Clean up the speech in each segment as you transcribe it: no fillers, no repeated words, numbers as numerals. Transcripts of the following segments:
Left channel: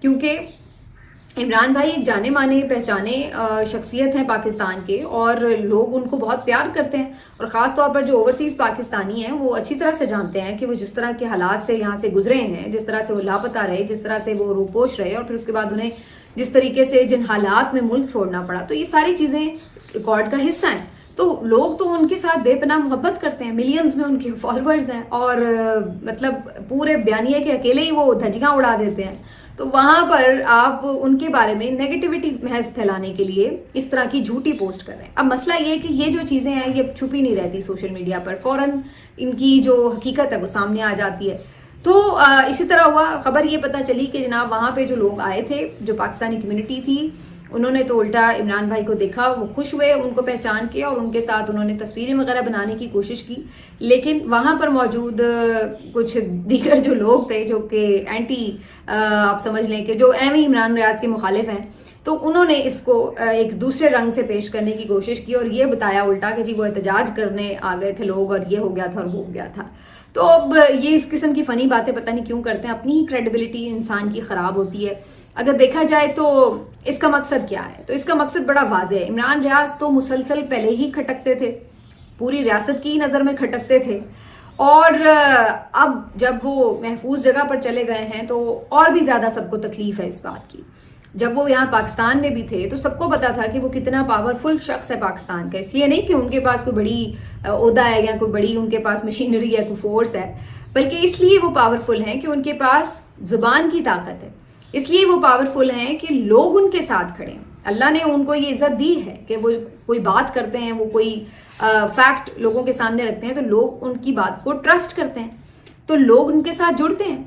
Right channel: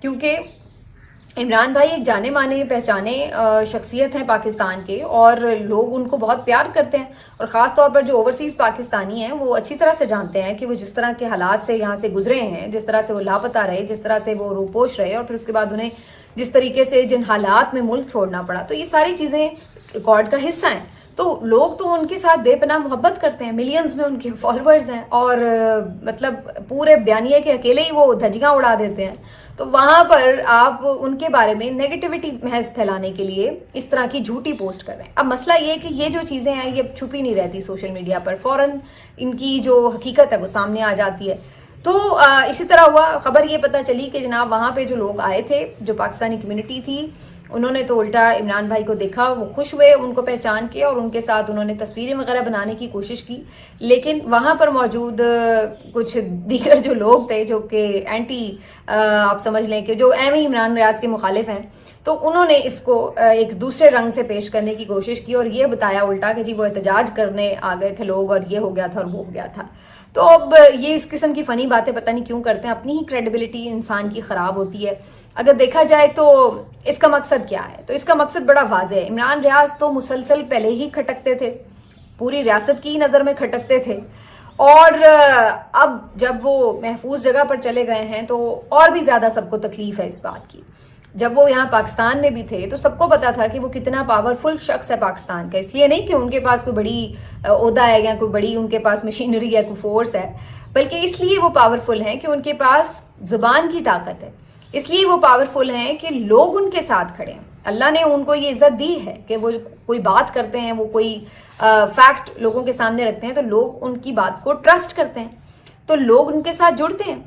کیونکہ عمران بھائی ایک جانے مانے پہچانے شخصیت ہیں پاکستان کے، اور لوگ ان کو بہت پیار کرتے ہیں، اور خاص طور پر جو اوورسیز پاکستانی ہیں وہ اچھی طرح سے جانتے ہیں کہ وہ جس طرح کے حالات سے یہاں سے گزرے ہیں، جس طرح سے وہ لاپتہ رہے، جس طرح سے وہ روپوش رہے، اور پھر اس کے بعد انہیں جس طریقے سے جن حالات میں ملک چھوڑنا پڑا، تو یہ ساری چیزیں ریکارڈ کا حصہ ہیں۔ تو لوگ تو ان کے ساتھ بے پناہ محبت کرتے ہیں، ملینز میں ان کے فالوورز ہیں، اور مطلب پورے بیانیے کے اکیلے ہی وہ دھجیاں اڑا دیتے ہیں۔ تو وہاں پر آپ ان کے بارے میں نیگیٹیوٹی محض پھیلانے کے لیے اس طرح کی جھوٹی پوسٹ کر رہے ہیں۔ اب مسئلہ یہ کہ یہ جو چیزیں ہیں یہ چھپی نہیں رہتی سوشل میڈیا پر، فوراً ان کی جو حقیقت ہے وہ سامنے آ جاتی ہے۔ تو اسی طرح ہوا، خبر یہ پتہ چلی کہ جناب وہاں پہ جو لوگ آئے تھے، جو پاکستانی کمیونٹی تھی، انہوں نے تو الٹا عمران بھائی کو دیکھا، وہ خوش ہوئے ان کو پہچان کے، اور ان کے ساتھ انہوں نے تصویریں وغیرہ بنانے کی کوشش کی۔ لیکن وہاں پر موجود کچھ دیگر جو لوگ تھے جو کہ اینٹی، آپ سمجھ لیں کہ جو ایویں عمران ریاض کے مخالف ہیں، تو انہوں نے اس کو ایک دوسرے رنگ سے پیش کرنے کی کوشش کی، اور یہ بتایا الٹا کہ جی وہ احتجاج کرنے آ گئے تھے لوگ، اور یہ ہو گیا تھا اور وہ ہو گیا تھا۔ تو اب یہ اس قسم کی فنی باتیں پتہ نہیں کیوں کرتے ہیں، اپنی ہی کریڈیبلٹی انسان کی خراب ہوتی ہے۔ اگر دیکھا جائے تو اس کا مقصد کیا ہے؟ تو اس کا مقصد بڑا واضح ہے۔ عمران ریاض تو مسلسل پہلے ہی کھٹکتے تھے، پوری ریاست کی نظر میں کھٹکتے تھے، اور اب جب وہ محفوظ جگہ پر چلے گئے ہیں تو اور بھی زیادہ سب کو تکلیف ہے اس بات کی۔ جب وہ یہاں پاکستان میں بھی تھے تو سب کو پتا تھا کہ وہ کتنا پاورفل شخص ہے پاکستان کا، اس لیے نہیں کہ ان کے پاس کوئی بڑی عہدہ ہے یا کوئی بڑی ان کے پاس مشینری ہے، کوئی فورس ہے، بلکہ اس لیے وہ پاورفل ہیں کہ ان کے پاس زبان کی طاقت ہے، اس لیے وہ پاورفل ہیں کہ لوگ ان کے ساتھ کھڑے ہیں۔ اللہ نے ان کو یہ عزت دی ہے کہ وہ کوئی بات کرتے ہیں، وہ کوئی فیکٹ لوگوں کے سامنے رکھتے ہیں تو لوگ ان کی بات کو ٹرسٹ کرتے ہیں، تو لوگ ان کے ساتھ جڑتے ہیں۔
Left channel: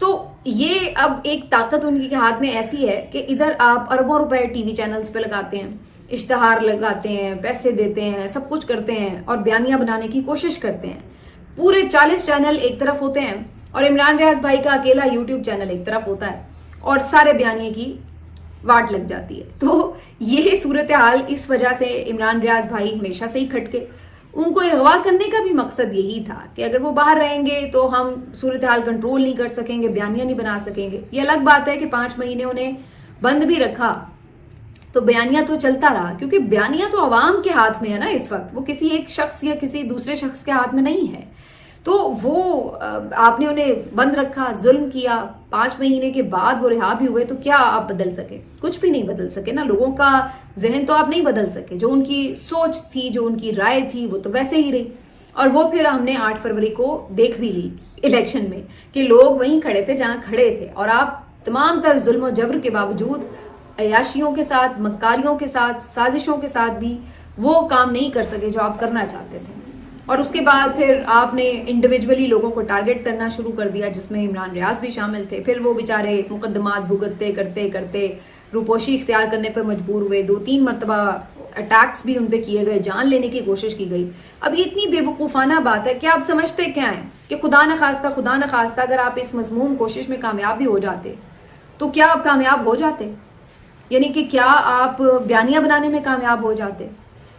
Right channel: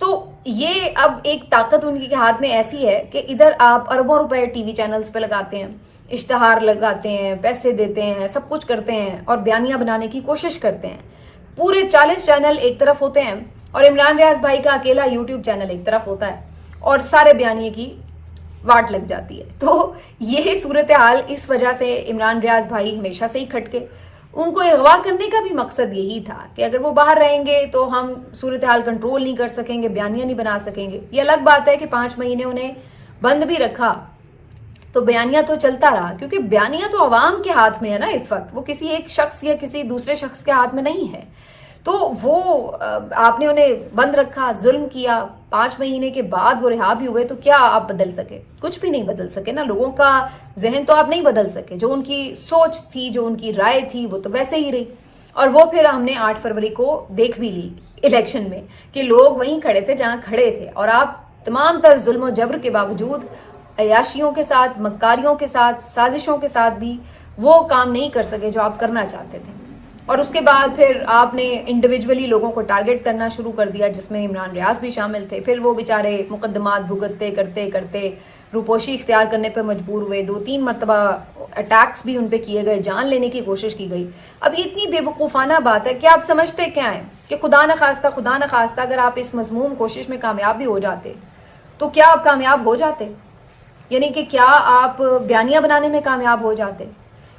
تو یہ اب ایک طاقت ان کے ہاتھ میں ایسی ہے کہ ادھر آپ اربوں روپے ٹی وی چینلز پہ لگاتے ہیں، اشتہار لگاتے ہیں، پیسے دیتے ہیں، سب کچھ کرتے ہیں، اور بیانیاں بنانے کی کوشش کرتے ہیں۔ پورے 40 چینل ایک طرف ہوتے ہیں، اور عمران ریاض بھائی کا اکیلا یوٹیوب چینل ایک طرف ہوتا ہے، اور سارے بیانیے کی واٹ لگ جاتی ہے۔ تو یہ صورتحال اس وجہ سے عمران ریاض بھائی ہمیشہ سے ہی کھٹکے، ان کو اغوا کرنے کا بھی مقصد یہی تھا کہ اگر وہ باہر رہیں گے تو ہم صورتحال کنٹرول نہیں کر سکیں گے، بیانیاں نہیں بنا سکیں گے۔ یہ الگ بات ہے کہ 5 مہینے انہیں بند بھی رکھا تو بیانیہ تو چلتا رہا، کیونکہ بیانیہ تو عوام کے ہاتھ میں ہے نا اس وقت، وہ کسی ایک شخص یا کسی دوسرے شخص کے ہاتھ میں نہیں ہے۔ تو وہ آپ نے انہیں بند رکھا، ظلم کیا، 5 مہینے کے بعد وہ رہا بھی ہوئے، تو کیا آپ بدل سکے؟ کچھ بھی نہیں بدل سکے نا، لوگوں کا ذہن تو آپ نہیں بدل سکے، جو ان کی سوچ تھی، جو ان کی رائے تھی، وہ تو ویسے ہی رہی۔ اور وہ پھر ہم نے 8 فروری کو دیکھ بھی لی الیکشن میں کہ لوگ وہیں کھڑے تھے جہاں کھڑے تھے، اور آپ تمام تر ظلم و جبر کے باوجود عیاشیوں کے ساتھ، مکاریوں کے ساتھ، سازشوں کے ساتھ بھی وہ کام نہیں کر سکے جو آپ کرنا چاہتے تھے۔ اور اس کے بعد پھر آپ نے انڈیویجولی لوگوں کو ٹارگٹ کرنا شروع کر دیا، جس میں عمران ریاض بھی شامل تھے۔ پھر وہ بیچارے مقدمات بھگتتے کرتے کرتے روپوشی اختیار کرنے پر مجبور ہوئے، 2-3 مرتبہ اٹیکس بھی ان پہ کیے گئے، جان لینے کی کوشش کی گئی۔ اب یہ اتنی بے وقوفانہ بات ہے کہ آپ سمجھتے کیا ہیں کہ خدا نخواستہ اگر آپ اس مذموم کوشش میں کامیاب بھی ہو جاتے تو کیا آپ کامیاب ہو جاتے؟ یعنی کہ کیا آپ بیانیہ بنانے میں کامیاب ہو جاتے،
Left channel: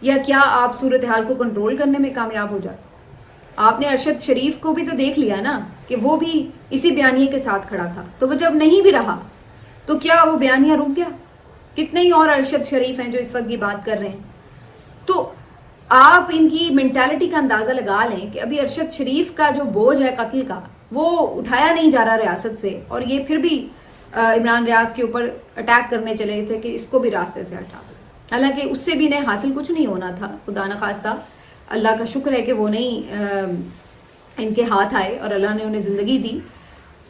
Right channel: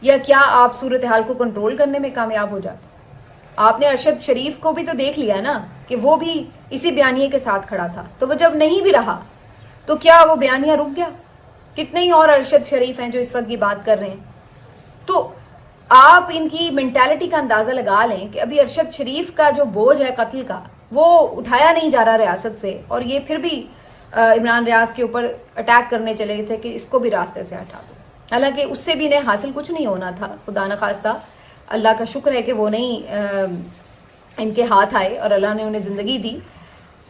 یا کیا آپ صورتحال کو کنٹرول کرنے میں کامیاب ہو جاتے؟ آپ نے ارشد شریف کو بھی تو دیکھ لیا نا کہ وہ بھی اسی بیانیے کے ساتھ کھڑا تھا، تو وہ جب نہیں بھی رہا تو کیا وہ بیانیہ رک گیا؟ کتنے ہی اور ارشد شریف ہیں جو اس وقت کی بات کر رہے ہیں۔ تو آپ ان کی مینٹالٹی کا اندازہ لگا لیں کہ ابھی ارشد شریف کا جو بوجھ ہے قتل کا وہ اٹھایا نہیں جا رہا ریاست سے، اور یہ پھر بھی عمران ریاض کے اوپر اٹیک کرنے چلے تھے کہ اس کو بھی راستے سے ہٹا دو، حالانکہ اس سے بھی انہیں حاصل کچھ نہیں ہونا تھا۔ خدا نخواستہ، اللہ کا شکر ہے کہ وہ نہیں ان کے ہاتھ آئے اور اللہ نے انہیں زندگی دی،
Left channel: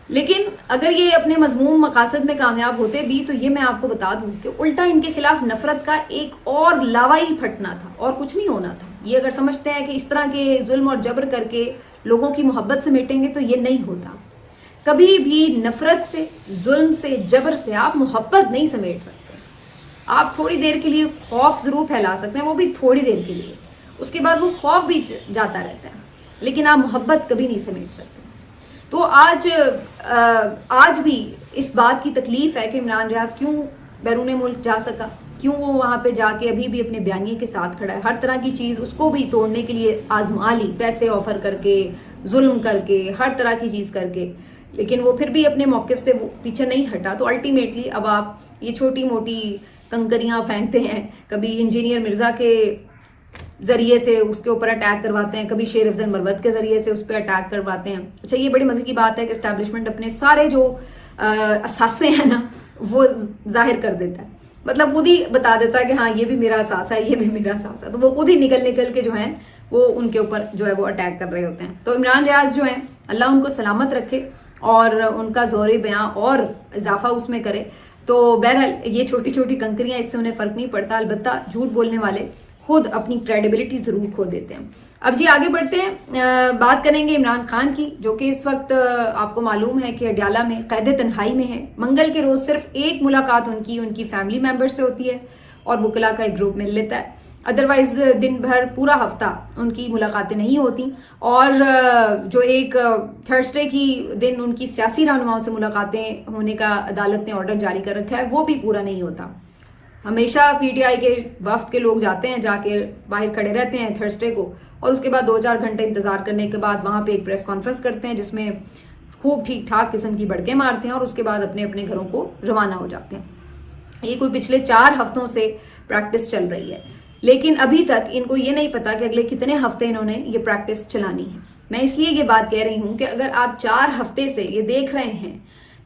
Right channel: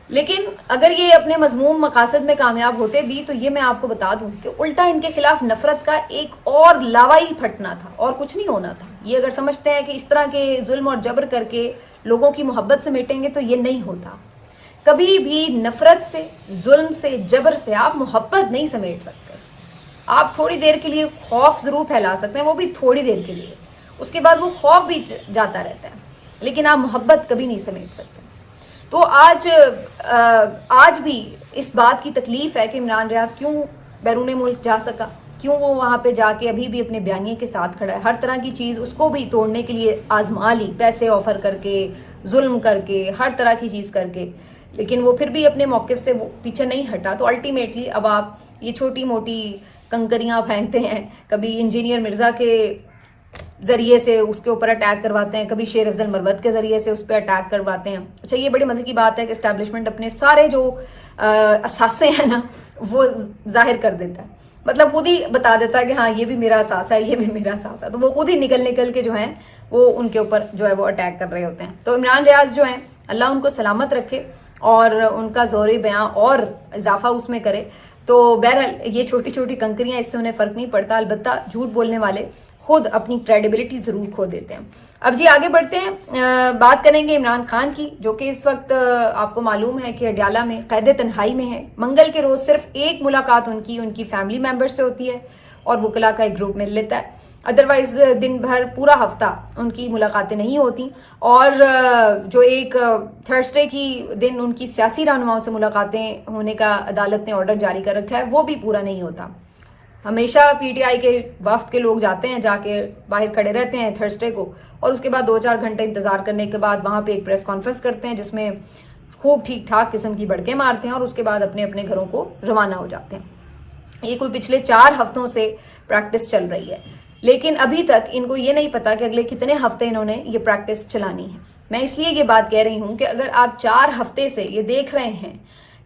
لیکن اگر یہ اپنے مذموم مقاصد میں کامیاب ہوتے بھی تو یہ میں آپ کو بتا دوں کہ الٹا ان کے خلاف نفرت کا ایک اور لاوا ہی پھٹنا تھا، اور کچھ نہیں ہونا تھا۔ یہ اگر سمجھتے ہیں کہ اس طرح کے ظلم اور جبر کر کے لوگوں کی محبت سمیٹیں گے تو یہ نہیں ہوتا۔ کبھی بھی نفرت سے، ظلم سے، جبر سے آپ محبت نہیں سمیٹ سکتے۔ آپ تھوڑی دیر کے لیے خوف ضرور پھیلا سکتے ہیں، وہ بھی تھوڑی دیر کے لیے، اس کے بعد وہ خوف بھی جاتا رہتا ہے، لیکن آپ محبت کبھی نہیں سمیٹ سکتے۔ تو آج بھی اس بات کی تکلیف ہے کہ عمران ریاض کیوں بیرون ملک جا سکا، کیوں وہ وہاں پہ جا کے ابھی بھی اپنے بیانیے کے ساتھ کھڑا ہے۔ ہر طرح کی چیز اس کو بھی توڑنے کے لیے آزما لی، پیسے آفر کر کے، ظلم کر کے، ہر طرح کی چیز کر کے، لیکن وہ پھر بھی اپنے موقف سے وہ پیچھے نہیں ہٹا. تو الٹیمیٹلی اب آپ یہ چھوٹی موٹی کنکریاں پھینکتے ہیں, کبھی انجینئر مرزا کے ذریعے سے اس کے اوپر اٹیک کرواتے ہیں, کبھی شیر افضل مروت کے ذریعے سے اس پہ اٹیک کرواتے ہیں. اچھا یہ بڑی مزے کی بات ہے کہ اسٹیبلشمنٹ اپنے سارے جو اثاثے ہیں نا وہ ظاہر کر دیتا ہے, مطلب خود ہی بتا دیتا ہے کہ ہاں یہ بھی میرا اثاثہ ہے, یہ بھی میرا اثاثہ ہے. تو وہ خود ہی نکل کے جو ہیں وہ ان کے اوپر جو ہے وہ اٹیک کر رہے ہوتے ہیں. تو عمران ریاض جو ہیں اللہ ان کو سلامت رکھے اور ان کا زور بیاں اور اضافہ اس میں کرے. تو بہرحال یہ چھوٹی چھوٹی کنکریاں اس سے انہیں فرق نہیں پڑتا, البتہ جھوٹ بولنے والے خود اپنی کریڈیبلٹی ضرور کھو دیتے ہیں. اب جی آگے بڑھتے ہیں, بات کریں گے عمران خان کی, جو کہ اس وقت آپ کو معلوم ہے کہ اڈیالہ میں قید تنہائی میں ہے. منگل کے روز صرف ایک ملاقات ان کی فیملی ممبر سے ہوتی ہے اور وکلاء کا ایک گروپ مل لیتا ہے. ادروائز دن بھر پورا ہفتہ ان کی ملاقاتیں نہیں ہوتی, اور جو ایک تھرسڈے کی دن ان کی سیاسی رہنماؤں سے ملاقاتیں ہونے کا عدالت نے آرڈر جاری کر رکھا ہے, وہ بھی پورا نہیں ہوتا. ہمیشہ پی ٹی آئی کے وفد کے لوگ جاتے ہیں, جا کے باہر کھڑے رہتے ہیں تھرسڈے کو, اور اس کے بعد 2-4 گھنٹے انتظار کرنے کے بعد وہاں پہ ایک پریس کانفرنس کرتے ہیں جس میں خوب ٹھیک ٹھاک قسم کی بڑکیں مارتے ہیں, اور اس کے بعد اپنے اپنے گھروں کو روانہ ہو جاتے ہیں. یہ کوئی پچھلے 4 ہفتوں سے پریکٹس چل رہی ہے, لیکن ابھی تک ان کو یہ نہیں پتا کہ اگلے کتنے ہفتے انہوں نے یہ پریکٹس چلانی ہے. میں اس لیے یہ بات کہہ رہی ہوں کہ اگر آپ 4 ہفتے سے یہ دیکھ رہے ہیں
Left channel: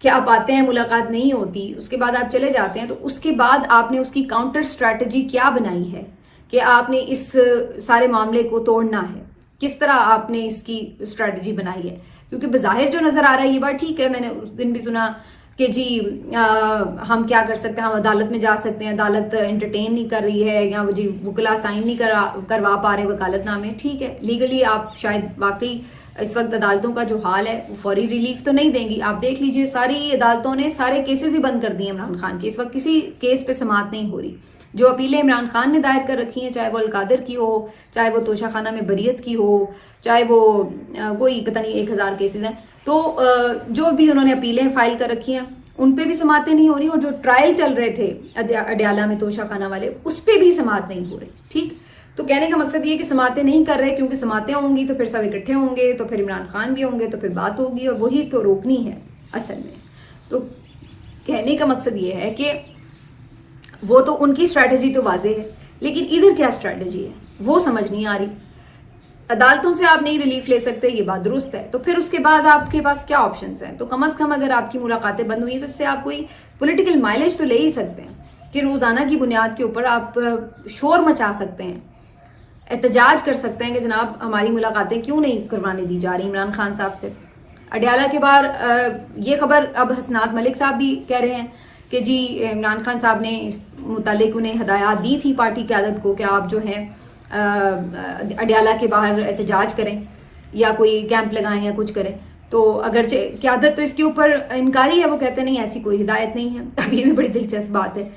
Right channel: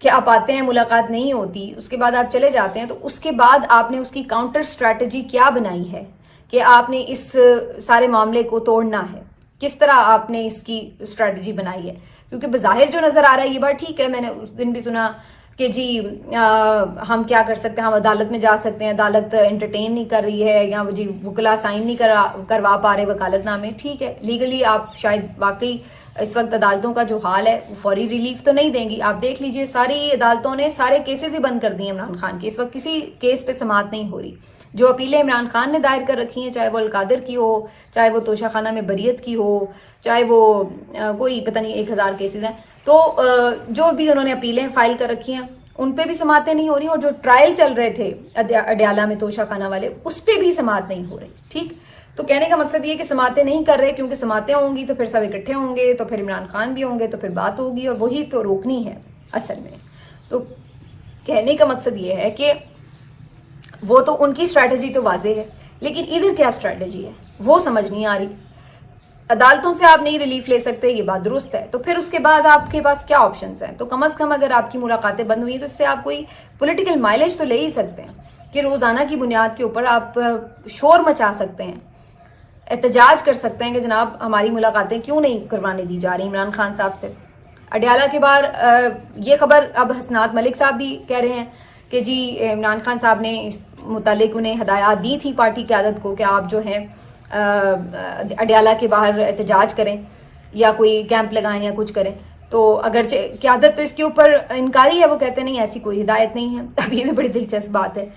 کہ آپ آتے ہیں ملاقات نہیں ہوتی, اس کے بعد آپ چلے جاتے ہیں, تو اس کے بعد آپ نے اس کی کاؤنٹر اسٹریٹجی کیا بنائی ہے کہ آپ نے اس سارے معاملے کو توڑنا ہے, کس طرح آپ نے اس کی اسٹریٹجی بنائی ہے. کیونکہ بظاہر جو نظر آ رہا ہے یہ بات ٹھیک ہے, میں نے اس دن بھی سنا کہ جی ہم کیا کر سکتے ہیں, ہم عدالت میں جا سکتے ہیں, عدالت انٹرٹین نہیں کر رہی ہے, یا جی وکلا سائن نہیں کروا پا رہے وکالت نامے. ٹھیک ہے, لیگلی آپ شاید واقعی اس وقت عدالتوں کا جو حال ہے وہ فوری ریلیف تو نہیں دیں گی. آپ دیکھ لیجئے ساری عدالتوں نے سارے کیسز ہی بند کر دیے عمران خان کے. اس وقت کسی کیس پہ سماعت نہیں ہو رہی. جو اپیلیں عمران خان نے دائر کر رکھی ہیں, چاہے وہ القادر کی ہو, چاہے وہ توشہ خانہ میں بریت کی ہو, چاہے وہ کوئی پتہ نہیں 1000 کیسز ہیں, تو جو بھی انہوں نے اپیلیں فائل کر رکھی ہیں ان پہ بھی سماعتیں نہیں ہو رہی, اور جو ٹرائل چل رہے تھے اڈیالہ میں توشہ خانہ والے اس پہ بھی سماعت نہیں ہو رہی. ٹھیک, تو کہنے کا مقصد یہ کہ سماعتیں نہیں کر رہے, کیونکہ سماعتیں ہوں گی تو پھر سب اکٹھے ہوں گے, تو پھر عمران خان بھی ہوں گے, تو پھر بات ہوگی, اور وہی تو روکنی ہے اصل میں. تو کہنے کا مقصد یہ ہے کہ وہ تو ان کی اسٹریٹجی تو واضح ہے, لیکن ادھر کیا اسٹریٹجی ہے وہ سمجھ نہیں آ رہی. عدالتوں سے آپ نہیں ریلیف لے سکتے, یہ بات درست ہے, تو پھر اس کے بعد آپ کے پاس کیا آپشنز ہیں؟ تو کم از کم اگر آپ کی ملاقاتیں بند ہوئی تو اس سے آپ کوئی پولیٹیکل مائلیج تو لے ہی سکتے ہیں کہ روزانہ کی بنیاد کے اوپر آپ شور مچا سکتے ہیں, احتجاج کر سکتے ہیں کہ جناب ہماری ملاقاتیں کیوں نہیں کروانے دی جا رہی عمران خان صاحب سے. اڈیالہ کے بعد یہ خبر اب حسنات ملک صاحب بھی کہہ رہے ہیں کہ جی عمران خان صاحب نے اس متعلق انہیں ہدایات دی تھی پارٹی قیادت کو کہ آپ جو ہیں اڈیالہ کے باہر احتجاج کریں یا کوئی کیمپ لگائیں یا کچھ کریں. تو اگرچہ قیادت تو اس کے اوپر انکاری ہے, وہ کہتے نہیں ایسی کوئی ہدایت نہیں ہے. اب یہ بھی بڑی دلچسپ بات ہے.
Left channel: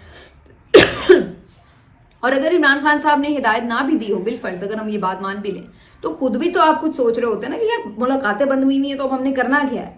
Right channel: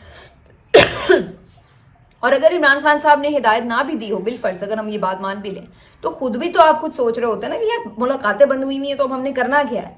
اور اگر عمران خان صاحب نے ہدایت نہ بھی دی ہو, بالفرض اگر ہم یہ بات مان بھی لیں, تو خود بھی تو آپ کچھ سوچ رہے ہوتے ہیں نا کہ یار ملاقاتیں بند ہوئی ہوئی ہیں تو اب ہم نے کرنا کیا ہے,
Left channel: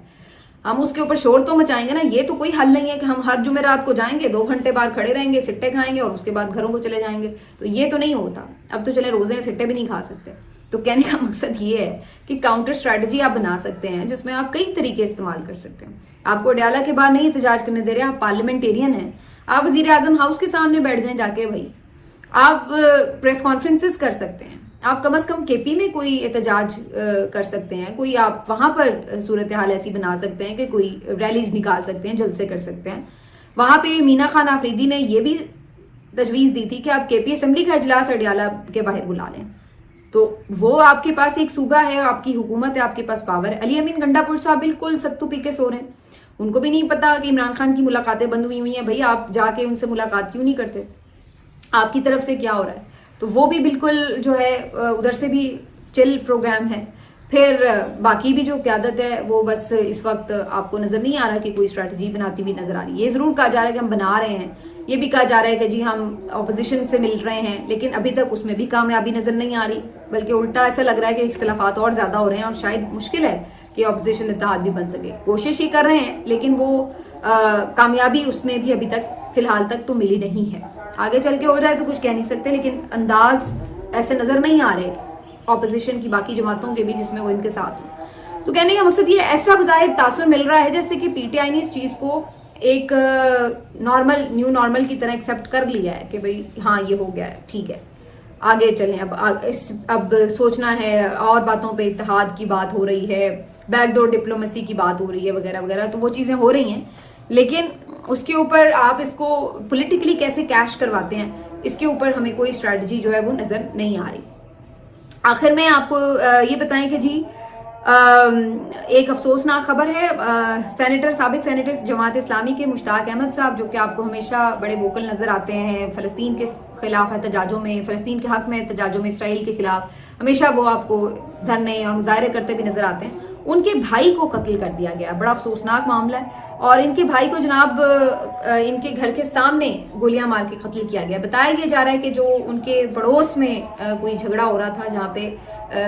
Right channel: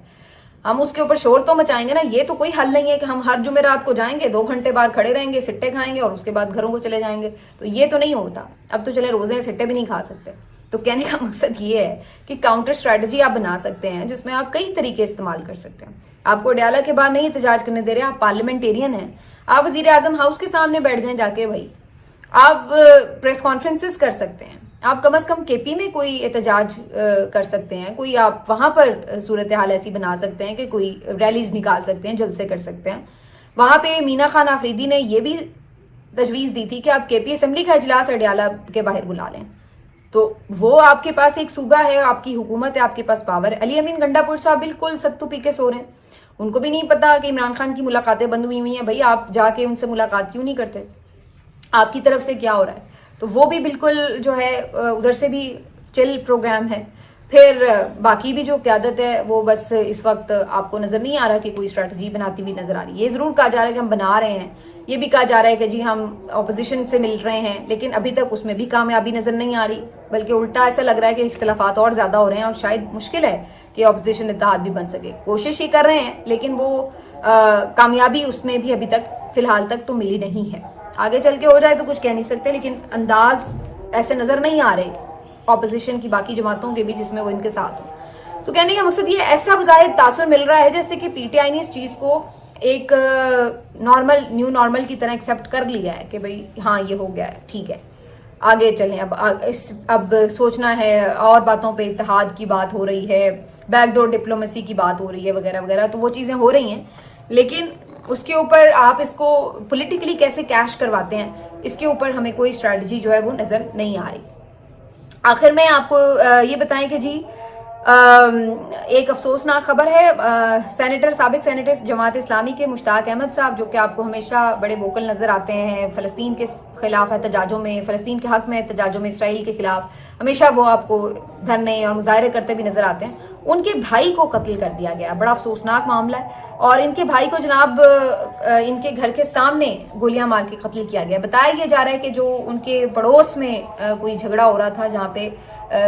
ہم اس کے اوپر شور تو مچائیں گے نا. یہ تو کوئی حل نہیں ہے کہ ہم ہر جمعرات کو جائیں گے, 2 گھنٹے بعد کھڑے رہیں گے, سٹے کھائیں گے اور اس کے بعد گھروں کو چلے جائیں گے. تو یہ تو نہیں ہوتا. اب تو چلے روزے سٹے بھی نہیں کھا سکتے. تو کہنے کا مقصد یہ ہے کہ کاؤنٹر اسٹریٹجی آپ بنا سکتے ہیں جس میں آپ کئی طریقے استعمال کر سکتے ہیں. آپ کو اڈیالہ کے باہر نہیں احتجاج کرنے دے رہے, آپ پارلیمنٹیرین ہیں, آپ وزیر اعظم ہاؤس کے سامنے بیٹھ جائیں جا کے, بھائی آپ پریس کانفرنسز کر سکتے ہیں, آپ کم از کم کے پی میں کوئی احتجاج کر سکتے ہیں, کوئی آپ وہاں پر صورتحال ایسی بنا سکتے ہیں کہ کوئی ریلیز نکال سکتے ہیں, جلسے کر سکتے ہیں. وہاں پہ مینا خان آفریدی نے یہ بھی تجویز دی تھی کہ آپ کے پی اسمبلی کا اجلاس اڈیالہ کے باہر بلا لیں. تو وہ آپ کے پاس ایک صوبہ ہے, آپ کی حکومت ہے, آپ کے پاس پاور ہے. علی امین گنڈا پور صاحب بالکل ستو پی کے سو رہے ہیں, ان کو بھی نہیں پتا کہ عمران خان کی ملاقاتیں بند ہوئی ہیں. بھائی آپ جا کے ان سے ملاقات کیوں نہیں کرتے, آپ کی طرف سے کیا ہو رہا ہے؟ تو وہ بھی بالکل جو ہے ادھر سے بھی چل پروگرام ہے. پھر باقی بھی جو قیادت ہے وہ بس اس وقت آپ کو نظر نہیں آ رہا کہ کوئی اسٹریٹجی بناتی ہوئی نظر آ رہی ہے. یہ ضرور کہا جا رہا ہے کہ ہم بنا رہے ہیں, یہ بھی کہا جا رہا ہے کہ جی ہم اپوزیشن سے مل رہے ہیں, لیکن ابھی تک اس میں بھی کامیابی نظر نہیں آ رہی, بلکہ الٹا ایسا لگ رہا ہے کہ اختلافات اور زیادہ ہو رہے ہیں اور شاید مشکل ہے کہ اپوزیشن اتحاد بھی بن سکے. کوشش ہی کر رہے ہیں لیکن وہ کامیابی اس میں بھی ابھی تک فی الحال تک تو ملی نہیں ہے. آگے چل کے ہو جائے تو کچھ کہہ نہیں سکتے, لیکن انداز ایسے نظر نہیں آ رہے اپوزیشن کی باقی جماعتوں کے بھی جس میں وہ ان کے ساتھ ہوں. تو کہنے کا مقصد یہ ایسا بظاہر تاثر مل رہا ہے جیسے کہ پی ٹی آئی نے اس چیز کو ایک نیو نارمل کی طرح ایکسیپٹ کر لیا ہے کہ بھئی ہاں یہ ہو گیا ہے، ٹھیک ہے آگے چلیں، اب سوچنا ہے، اور باتوں پہ اتحاد کی بات ہو رہی ہے، بیک ڈور ڈپلومیسی کی بات ہو رہی ہے وغیرہ وغیرہ، تو وہ چیزیں ہو رہی ہیں، لیکن اس کے اوپر آپ اس کو پولیٹیکلی کیسے کیش کرواتے ہیں، اس کے اوپر ہمیں کوئی اسٹریٹجی جو ہے وہ نظر نہیں آ رہی۔ آخر میں آپ کو یہ بتائیں کہ جی ایک افسوسناک خبر ہے، سابق سینیٹر جماعت اسلامی کے مشتاق احمد صاحب، جو کہ آپ کو ہمیشہ بڑے ووکل نظر آتے ہیں فلسطین کے خلاف احتجاجوں میں، فلسطین کے حق میں احتجاجوں میں، اسرائیل کے خلاف ہمیشہ وہ آپ کو دھرنے اور مظاہرے کرتے بھی نظر آتے ہیں، ان کے بھائی کو قتل کر دیا گیا، بڑا افسوسناک معاملہ ہے، اور ان کے بھائی کو جناب ان کے گھر کے سامنے گولیاں مار کے قتل کیا گیا۔ بتایا یہ جا رہا ہے کہ جو ان کے پڑوس میں کوئی جھگڑا ہو رہا تھا جہاں پہ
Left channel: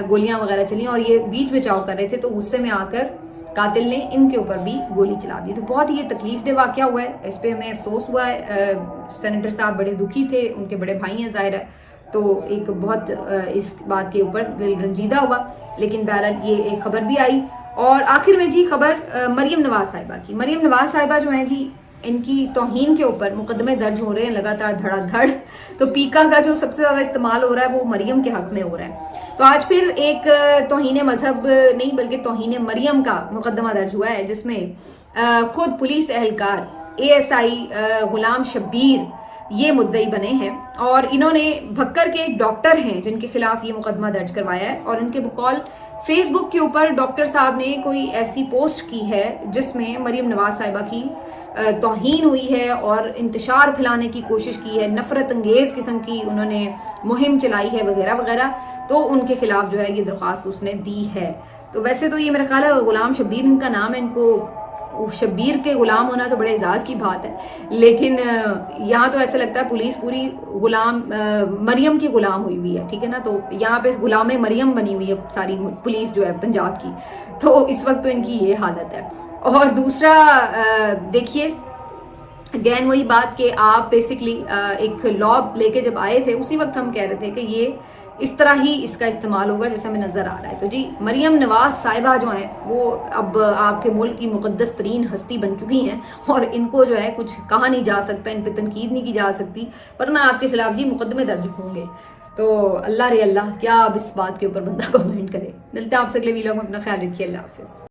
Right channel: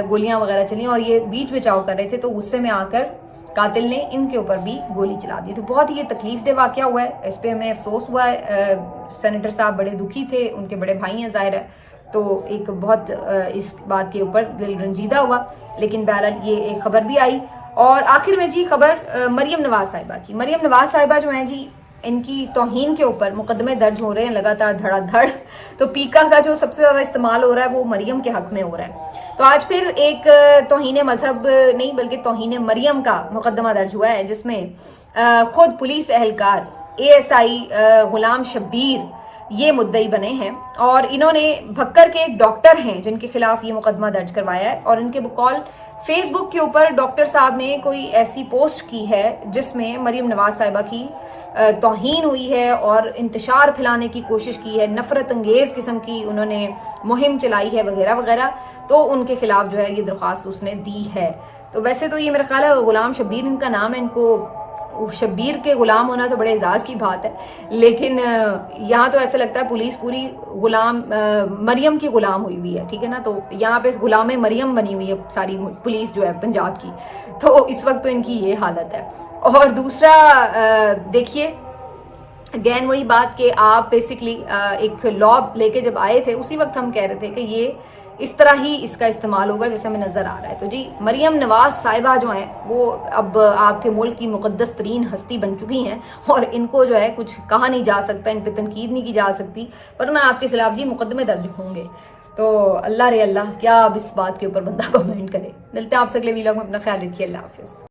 گولیاں وغیرہ چلی اور یہ بیچ بچاؤ کر رہے تھے، تو غصے میں آ کر قاتل نے ان کے اوپر بھی گولی چلا دی۔ تو بہت ہی یہ تکلیف دہ واقعہ ہوا ہے، اس پہ ہمیں افسوس ہوا ہے، سینیٹر صاحب بڑے دکھی تھے، ان کے بڑے بھائی ہیں ظاہر ہے، تو ایک بہت اس بات کے اوپر دل رنجیدہ ہوا، لیکن بہرحال یہ ایک خبر بھی آئی۔ اور آخر میں جی خبر مریم نواز صاحبہ کی، مریم نواز صاحبہ جو ہیں جی ان کی توہین کے اوپر مقدمے درج ہو رہے ہیں لگاتار دھڑا دھڑ، تو پیکا کا جو سب سے زیادہ استعمال ہو رہا ہے وہ مریم کے حق میں ہو رہا ہے۔ تو آج پھر ایک توہین مذہب نہیں بلکہ توہین مریم کا مقدمہ درج ہوا ہے، جس میں خود پولیس اہلکار ASI غلام شبیر یہ مدعی بنے ہیں، اور انہوں نے بھکر کے ایک ڈاکٹر ہیں جن کے خلاف یہ مقدمہ درج کروایا ہے، اور ان کے بقول فیس بک کے اوپر ڈاکٹر صاحب نے کوئی ایسی پوسٹ کی ہے جس میں مریم نواز صاحبہ کی توہین ہوئی ہے اور انتشار پھیلانے کی کوشش کی ہے، نفرت انگیز قسم کی انہوں نے مہم چلائی ہے وغیرہ وغیرہ، تو ان کے خلاف جو ہے یہ درخواست اس نے دی ہے۔ تو ویسے تو یہ میرا خیال ہے غلام شبیر ان کا نام ہے، ان کو شبیر کے غلام ہونا تو بڑے اعزاز کی بات ہے، لیکن یہاں تو ایسا لگتا ہے پولیس پوری غلام مریم کی غلام ہوئی ہوئی ہے، ٹھیک ہے نا، تو یہاں پہ غلام مریم بنی ہوئی ہے ساری پولیس جو ہے پنجاب کی، تو اس وقت تو ان کی یہ حالت ہے۔ اور دوسرا دیکھیے اگین وہی بات کہ آپ بیسکلی ایک لا لے کے جب آئے تھے اسی وقت ہم کہہ رہے تھے کہ یہ اس طرح ہی اس کا استعمال ہوگا جیسے ہمیں نظر آ رہا ہے۔ تو جی مریم نواز صاحبہ جو ہیں وہ اب آپ کے ملک کی مقدس ترین ہستی بن چکی ہیں، اور ان کو جو ہے کچھ کہا نہیں جا سکتا، ان پہ تنقید نہیں کی جا سکتی، ورنہ آپ کے خلاف جی مقدمے درج ہوں گے۔ تو اللہ رے اللہ، کیا اب اس بات کے اوپر بندہ کمنٹ کرے۔ ملتے ہیں آپ سے اگلے ویلاگ میں، اپنا خیال رکھیے، اللہ حافظ۔